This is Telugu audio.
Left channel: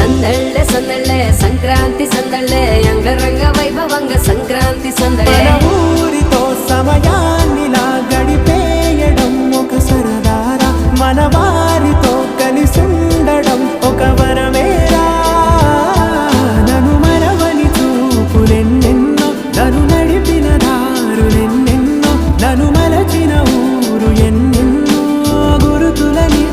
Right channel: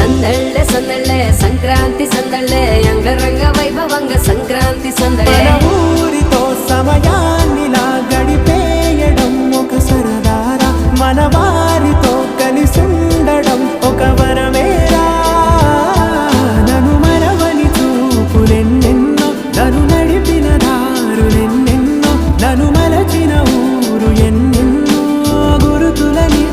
సందళ్ళె సందళ్ళే సంక్రాంతి సందళ్ళే అంగరంగ వైభవంగ సంక్రాంతి సందళ్ళే ఊరితో సమయాన్ని నా గడిపేయడం ఒక సరదారా మన వారితో కలిసుండడం ఒక వరమేరా నన్ను మరవని చూపులెన్నెన్నో నన్ను నడిపిన దారులెన్నెన్నో నన్ను మలచిన ఊరు ఎన్నెన్నో గురుతులని